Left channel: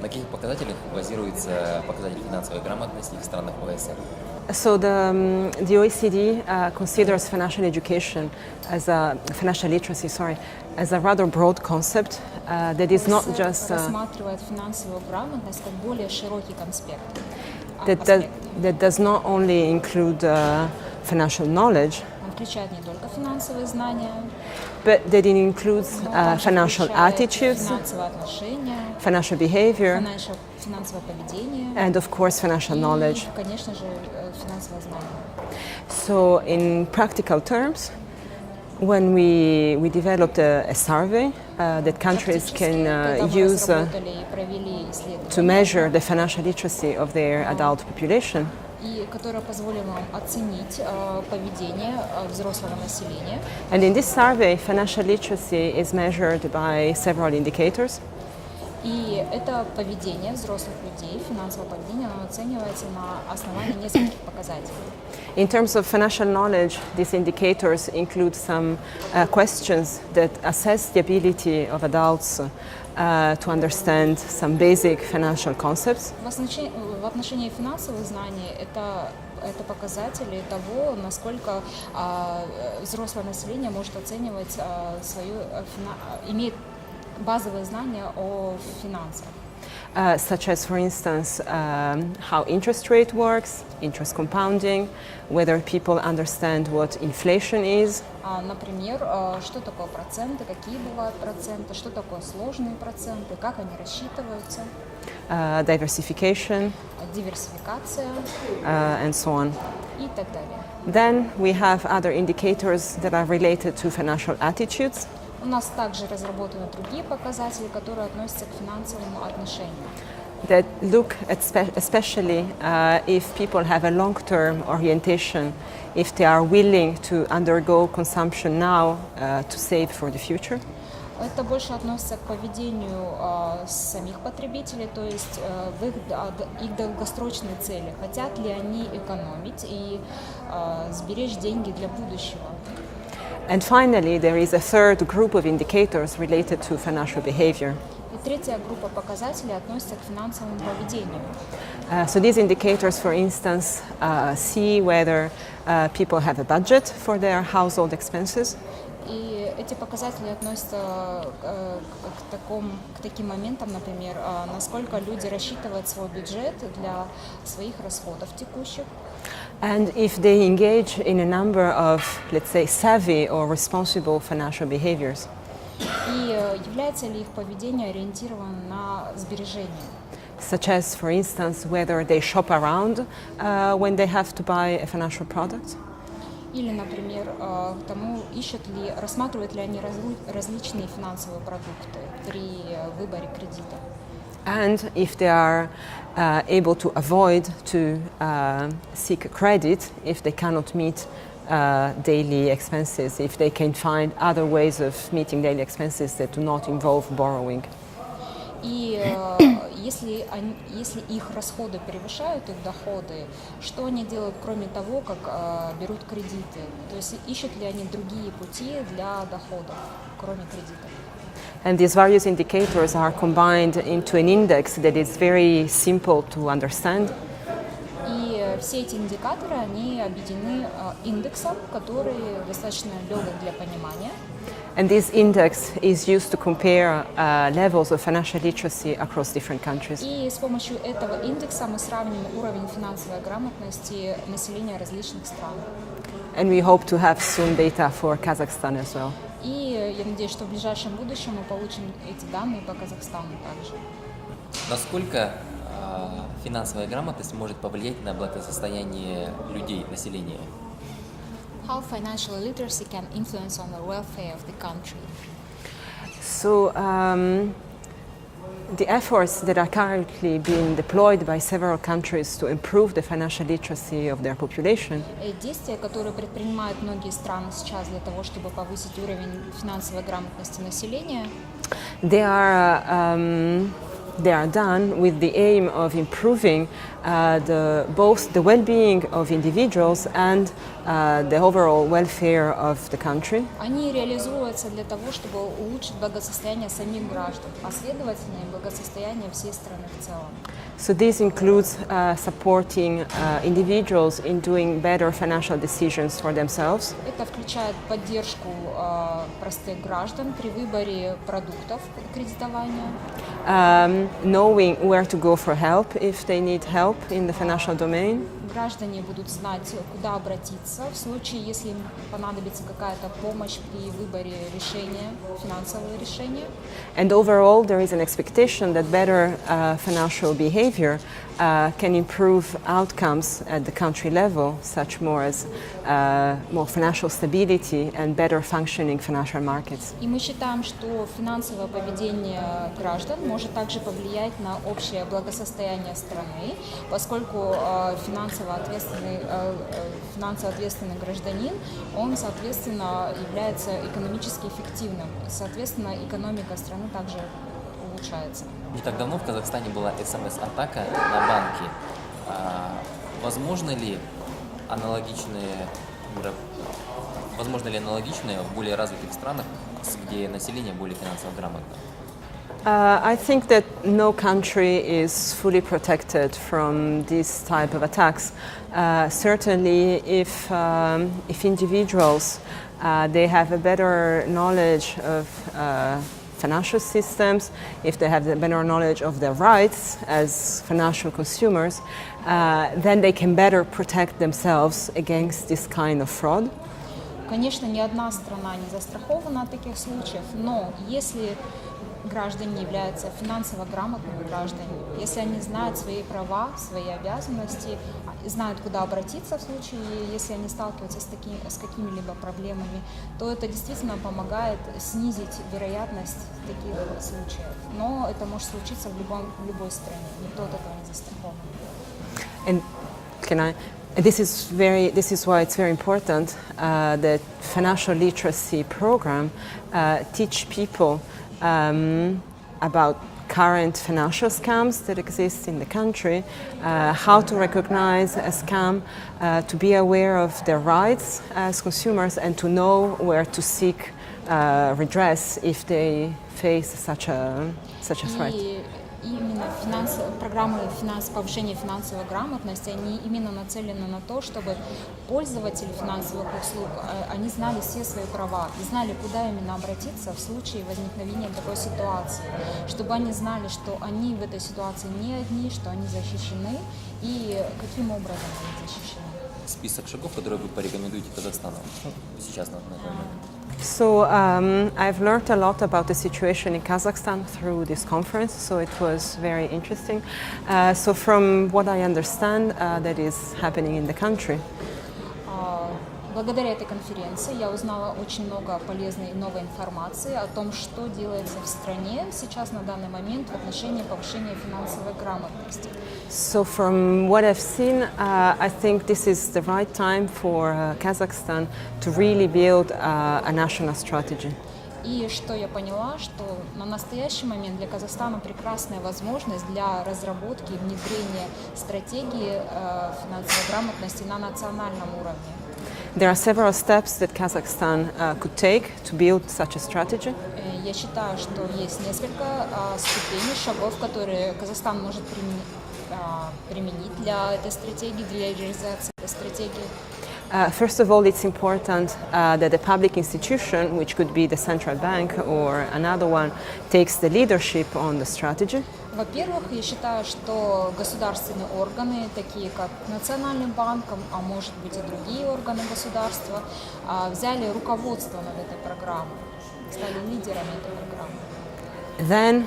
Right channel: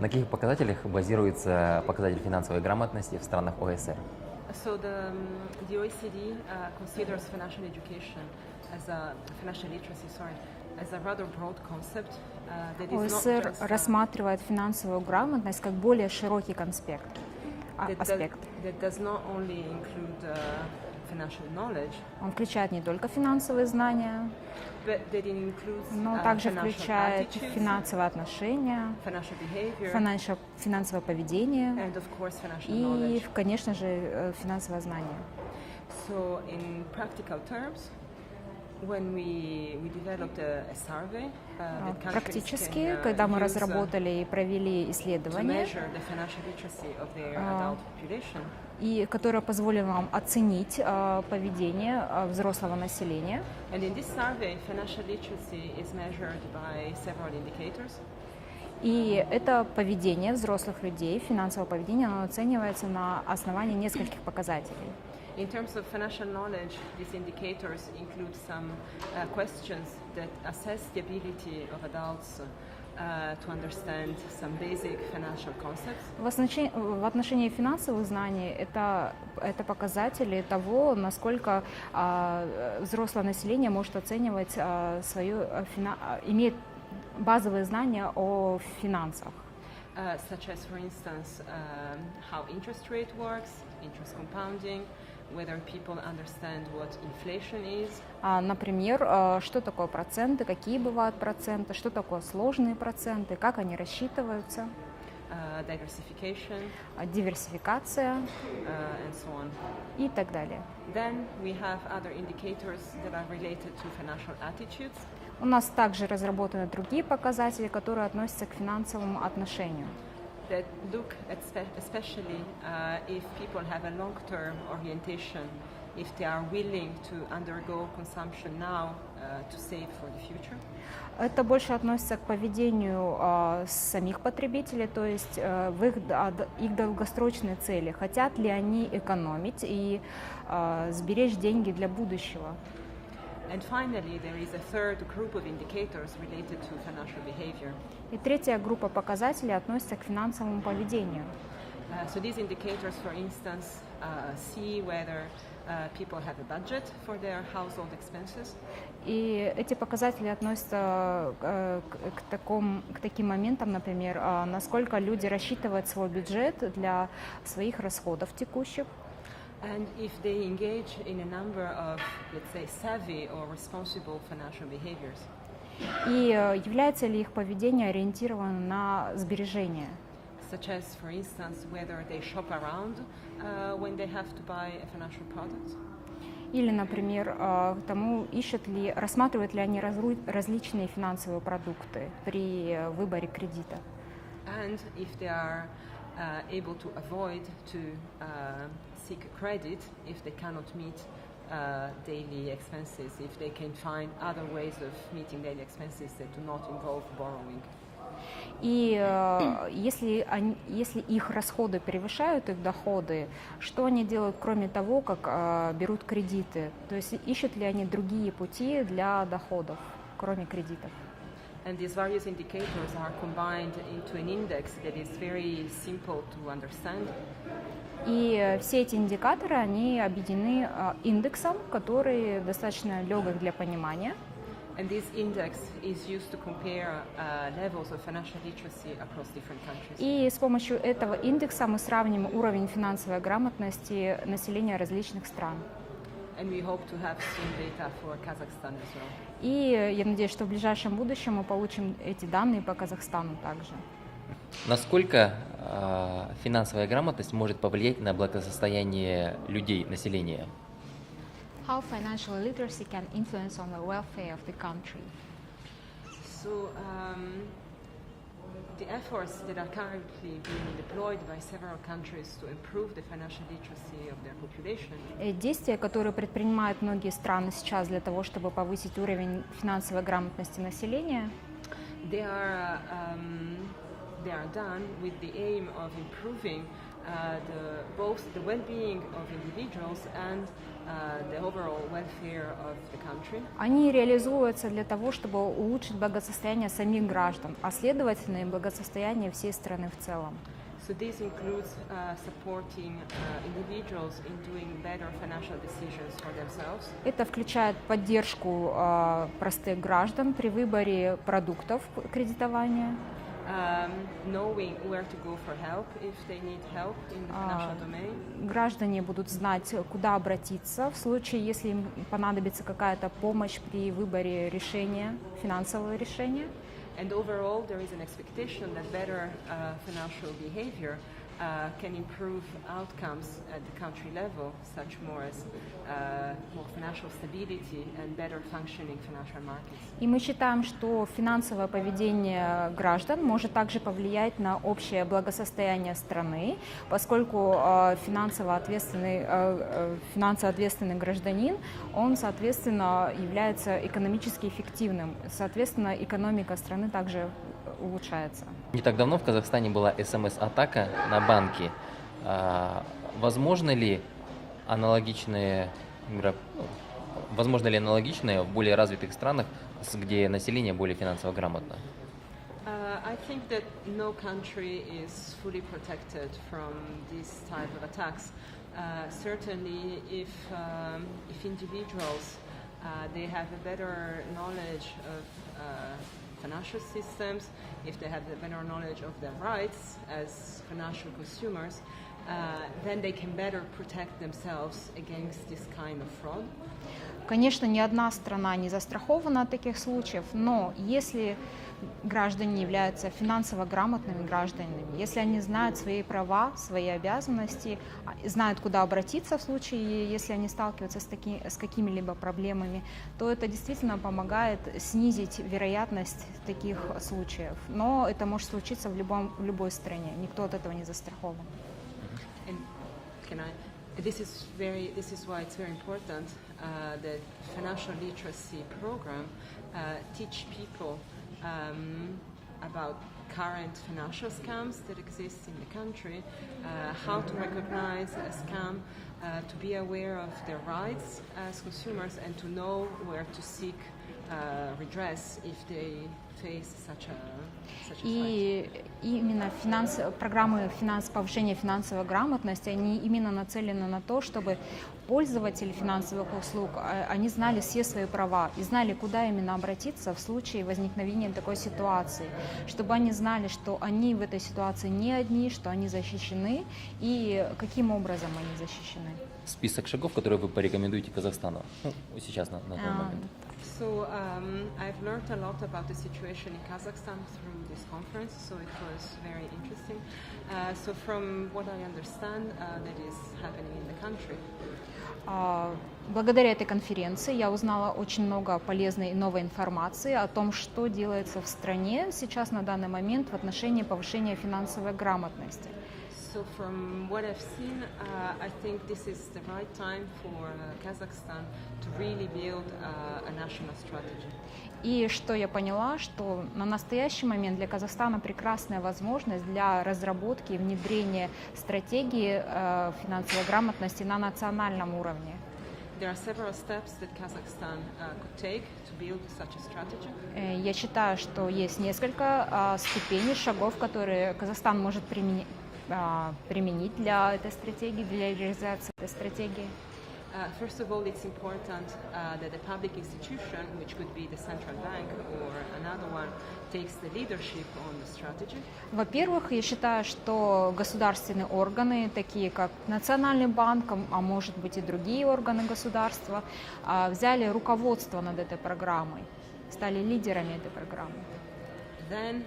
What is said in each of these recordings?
На каких показателях базируется показатель финансовой грамотности в странах ОЭСР? So the OECD considers financial education as financial literacy, as a rather broad concept that is not ОЭСР just рассматривает финансовую грамотность как более широкий аспект. that does not only include financial knowledge, Он включает не только финансовые знания, but that it includes но также financial включает attitudes, финансовые отношения, financial behavior, финансовое поведение and of course financial knowledge. и, конечно же, финансовое знание. So in practical terms, when we developed a survey that countries can Когда мы use разработали и провели to исследование, measure the financial literacy of their adult population, и которое позволило нам оценить поведение взрослого населения. and in this survey, financial literacy is measured by several indicators. И это поведение взрослых людей, финансовое поведение, оно оценивается на основании нескольких показателей. In terms of financial knowledge, these indicators include some questions that assess the ability of adults to understand some basic financial concepts. В отношении финансовых знаний это показатели того, насколько взрослое население может оценивать имеет базовые знания о финансах. Such as, for instance, how interest rate works, interest compounding, whether people understand what inflation is. Например, что такое проценты, какие бывают проценты, что такое сложные проценты, как они рассчитываются. Diversification, диверсификация and so on. и так далее. Then we have other indicators that are related to financial attitudes. У нас также разработаны другие показатели, которые относятся к финансовому отношению. That look at especially if people have a long-term orientation, if they are willing to undergo consumption now to save for the future. Это больше относится к поведению самих потребителей, то есть в их долгосрочной цели. Хотят ли они экономить и сберечь деньги для будущего? And finally, there is a third group of indicators related to financial behavior. И третья группа показателей относится к финансовому поведению. So these indicators, for instance, see whether people have a budget for their household expenses. И эти показатели относятся к таким моментам, например, насколько люди рассчитывают свой бюджет для своих расходов текущих. And if they engage in a number of, let's say, savvy or responsible financial behaviors. И является ли их поведение ориентировано на сбережения? Such as, for instance, whether they shop around when they have to buy a financial product. Или, например, рассматривают ли они различные финансовые продукты при выборе кредита. And if they are able to avoid to seek credit if they cannot meet daily expenses, if they can find other ways of meeting daily expenses that do not involve borrowing. И если их расходы превышают их доходы, что они делают, кроме того, как берут кредиты? То есть ищут ли они другие пути для доходов, кроме кредитов? And these various indicators are combined into an index that is very simple to understand. И все эти индикаторы, они объединены индексом, который достаточно легок для понимания. And this index is used to compare levels of financial literacy across different countries. И с помощью этого индекса мы сравним уровень финансовой грамотности населения различных стран. And we hope to have soon data for Kazakhstan as well. И я надеюсь, что в ближайшем будущем мы получим эти данные по Казахстану также. Насколько финансовая грамотность может повлиять на благосостояние людей, населения? How financial literacy can influence on the welfare of the country? So the efforts that are currently being deployed by several countries to improve the financial literacy of their population. Действия, которые предпринимают многие страны сейчас для того, чтобы повысить уровень финансовой грамотности населения, They are they are done with the aim of improving both the well-being of individuals and the overall welfare of the country. Они реализуются для того, чтобы улучшить благосостояние самих граждан, а следовательно и благосостояние всей страны в целом. So this includes supporting individuals in doing better financial decisions for themselves. Это включает поддержку простых граждан при выборе продуктов кредитования, Knowing where to go for help if they need help in the financial domain. Граждане будут знать, куда обратиться в случае, если им понадобится какая-то помощь при выборе решения, финансового решения. And overall, there is an expectation that better financial behavior can improve outcomes at the country level, such more as more financial stability and better functioning financial markets. И мы считаем, что финансовое поведение граждан может также повлиять на общее благосостояние страны, поскольку финансово ответственный гражданин, он, соответственно, является экономически эффективным. Соответственно, экономика страны также улучшается. Не так давно в Казахстане была СМС-атака на банки. Возможно ли аналогичные в более развитых странах, где население более финансово грамотно? I think that no country is fully protected from this type of attacks. Certainly, if individuals they have a better knowledge of financial systems, if they have a better knowledge of their rights as financial consumers, then they can better protect themselves against this kind of fraud. Конечно, ни одна страна не застрахована от таких случаев, но если граждане являются финансово грамотными гражданами, если они знают свои права, свои обязанности, знают, куда обратиться в случае, если они сталкиваются с какими-либо проблемами, то это действительно помогает снизить вероятность таких случаев. Но это может случиться в любой стране, никто от этого не застрахован. And this is why it's very important that financial literacy program teach people about current financial scams that exist in the country, how to recognize a scam, to be aware of their rights as consumers, and to know where to seek redress if they face such a threat. И именно программы повышения финансовой грамотности, они именно нацелены на то, чтобы пользователи финансовых услуг, они знали все свои права и знали, куда именно обратиться в случае возникновения такой ситуации, чтобы они знали, что они в этой ситуации не одни, что они защищены и каким образом они защищены. Список шагов, которые вы порекомендуете Казахстану сейчас на данный момент. So I've learned a lot about the situation in Kazakhstan through this conference, so it was very interesting. So from what I understand, that is happening in the country. Благодаря этой конференции я узнала очень много полезной и новой информации о том, что делается в стране сейчас на данный момент в отношении повышения финансовой грамотности. So from what I've seen, I think this is the right time for Kazakhstan to really build a national strategy. И что я поняла, что на настоящий момент для Казахстана прекрасная возможность для разработки и внедрения стратегии финансовой грамотности на национальном уровне. There are several steps that Kazakhstan could take to build such a strategy. Я считаю, что есть несколько ступеней, шагов, которые Казахстан может применить для этой стратегии, для реализации этой стратегии. First of all, it's important that a public institution, which could be the central bank or another one, takes the leadership on the strategy. Во-первых, я считаю, что государственные органы, такие как Национальный банк, а может быть и другие органы государства, взяли руководство над этой программой, стали лидерами этой программы. Then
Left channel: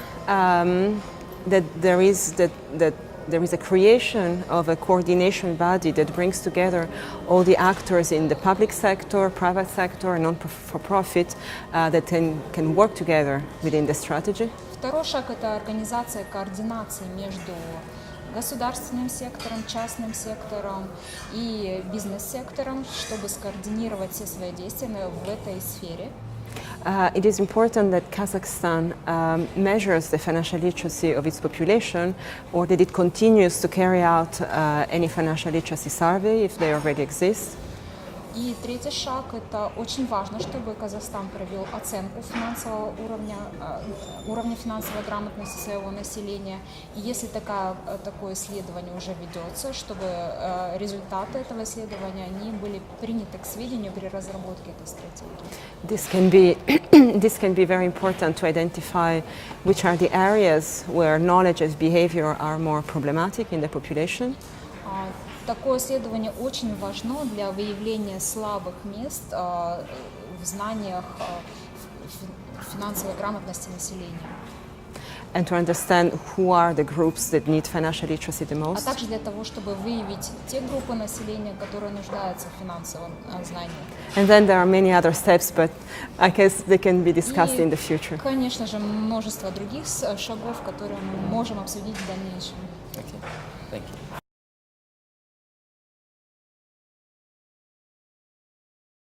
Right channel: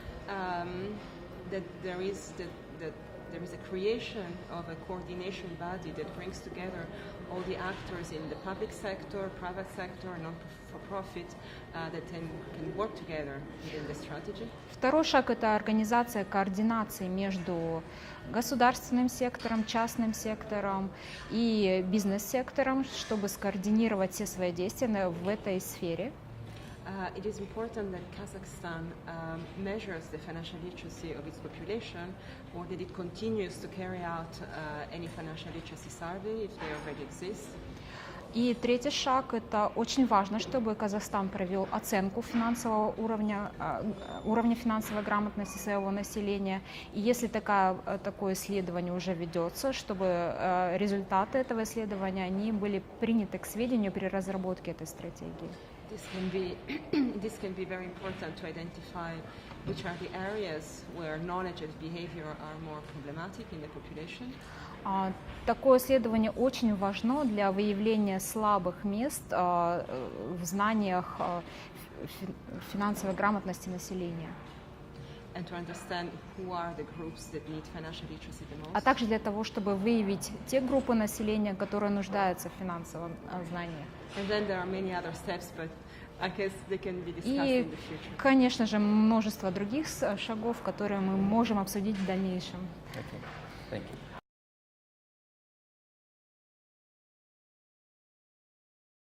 there is a creation of a coordination body that brings together all the actors in the public sector, private sector, and non-for-profit that can work together within the strategy. Второй шаг – это организация координации между государственным сектором, частным сектором и бизнес-сектором, чтобы скоординировать все свои действия в этой сфере. It is important that Kazakhstan measures the financial literacy of its population, or that it continues to carry out any financial literacy survey if they already exist. И третий шаг – это очень важно, чтобы Казахстан провел оценку финансового уровня финансовой грамотности своего населения. И если такое исследование уже ведется, чтобы результаты этого исследования они были приняты к сведению при разработке этой стратегии. This can be very important to identify which are the areas where knowledge and behavior are more problematic in the population. Такое исследование очень важно для выявления слабых мест в знаниях финансовой грамотности населения. And to understand who are the groups that need financial literacy the most. А также для того, чтобы выявить те группы населения, которые нуждаются в финансовом знании. And then there are many other steps, but I guess they can be discussed in the future. Конечно же, множество других шагов, которые мы можем обсудить в дальнейшем. Okay. Thank you.